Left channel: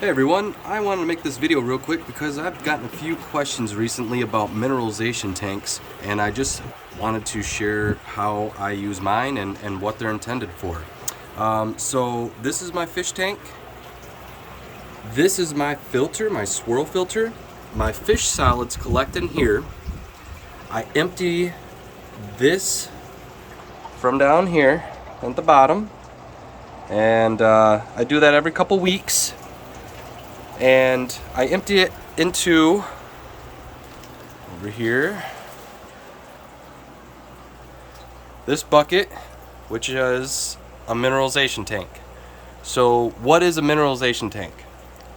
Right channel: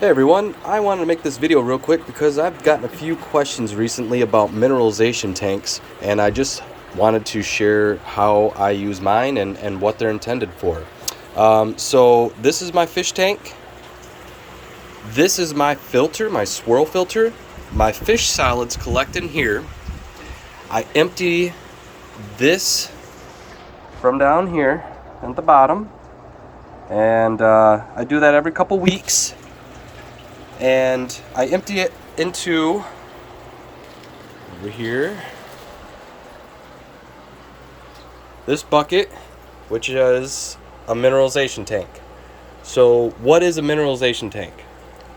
Hey everyone, I wanted to make this video real quick because I've gotten a few questions recently about mineralization tanks, and I just wanted to share how I use mine and what they're intended for. So this is my fish tank. This is my filter, my swirl filter. My fish solids collect in here. I empty this from down here at the bottom, and I do that every couple weeks. And I empty it into over here this bucket, which is a mineralization tank. So what is a mineralization tank?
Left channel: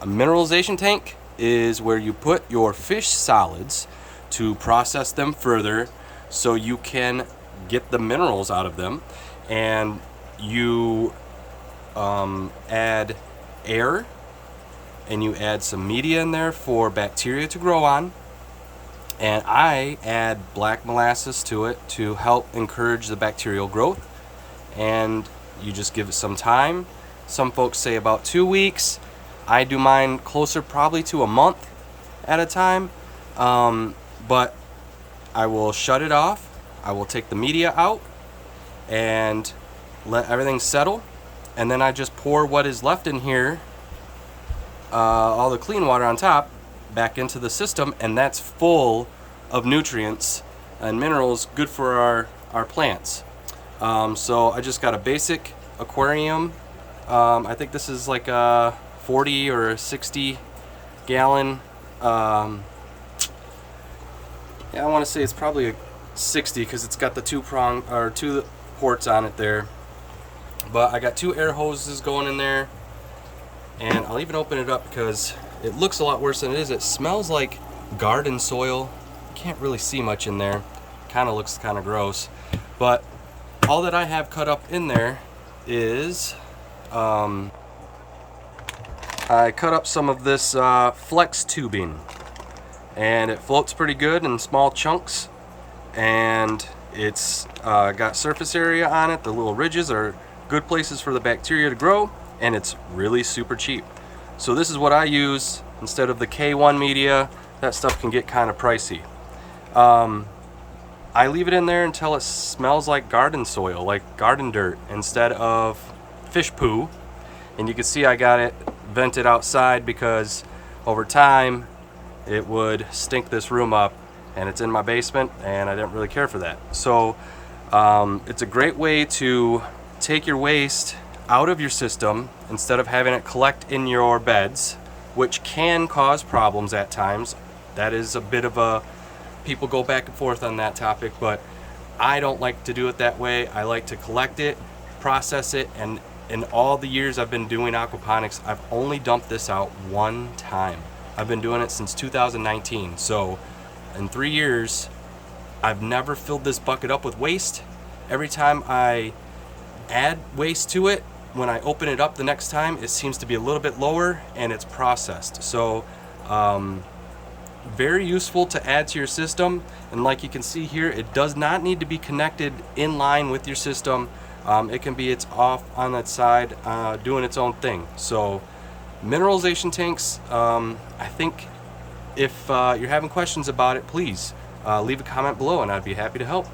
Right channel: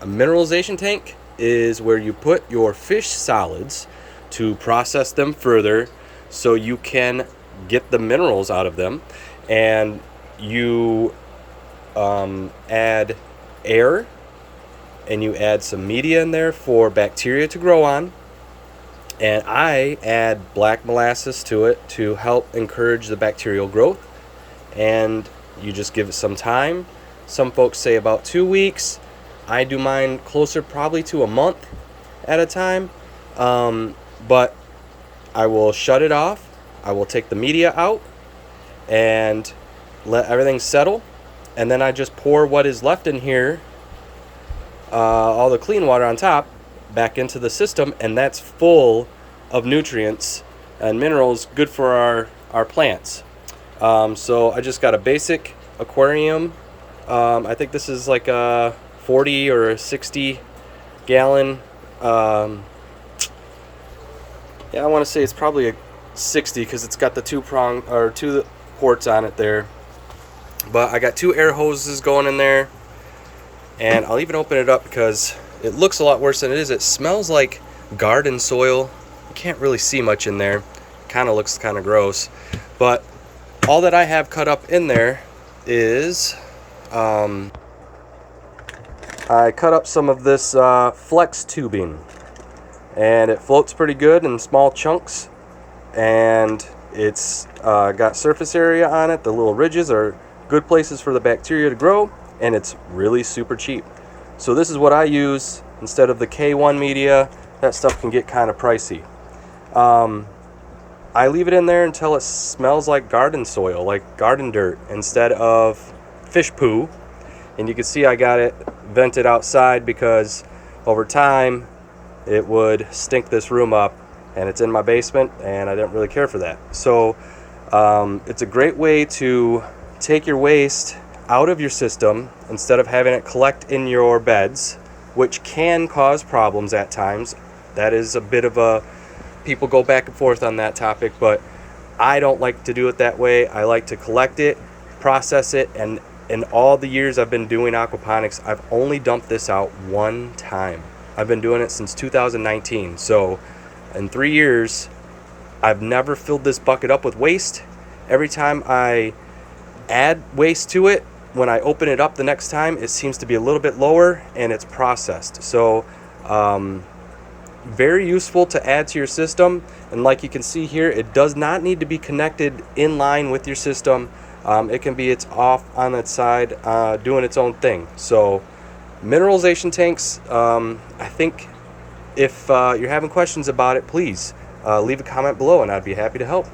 A mineralization tank is where you put your fish solids to process them further so you can get the minerals out of them, and you add air and you add some media in there for bacteria to grow on, and I add black molasses to it to help encourage the bacterial growth, and you just give it some time. Some folks say about 2 weeks. I do mine closer probably to a month at a time, but I will shut it off. I will take the media out and let everything settle, and then I just pour what is left in here, all the clean water on top, back into the system, and that's full of nutrients and minerals good for our plants. So I just got a basic aquarium. I think this is like a 40 or 60 gallon. Yeah, I want to say it's probably a 60 because it's got the two ports on it there. But I got 2 air hoses going in there. And I'll even open it up because it looks a lot worse than it is. It smells like garden soil. You can't really see much in there. Kind of looks kind of gross. But all that I have cut up in there is I cut up some of this flex tubing. And it floats pretty good in small chunks. And it's got surface area on it. The little ridges are good places for the bacteria to grow. And it's really super cheap. So this is what I use instead of the K1 media. That stuff can get kind of pricey. I leave it in there until it smells like garden soil, like garden dirt, instead of fish poo. And you can see I got it vented outside because over time it would stink this room up, and it's in my basement and I didn't really care for that. So it's a great way to take your waste out of your system instead of having it collect in your beds, which can cause problems at times. That is a bit of a, people go back and forth on that topic, but I don't like to do it that way. I like to collect it, process it, and in all the years I've been doing aquaponics, I've only dumped this out one time. I've been doing it since 2019. So in 3 years, I've never filled this bucket up with waste. Every time I add waste to it, when I open it up the next time, it seems to be a little bit lower and it's processed. So very useful to add to your system. And like you can see here, it does not need to be connected in line with your system. It can be, it's off on its side, doing its own thing. So mineralization tanks, I think if you're having questions about it, please leave a comment below and I'd be happy to help.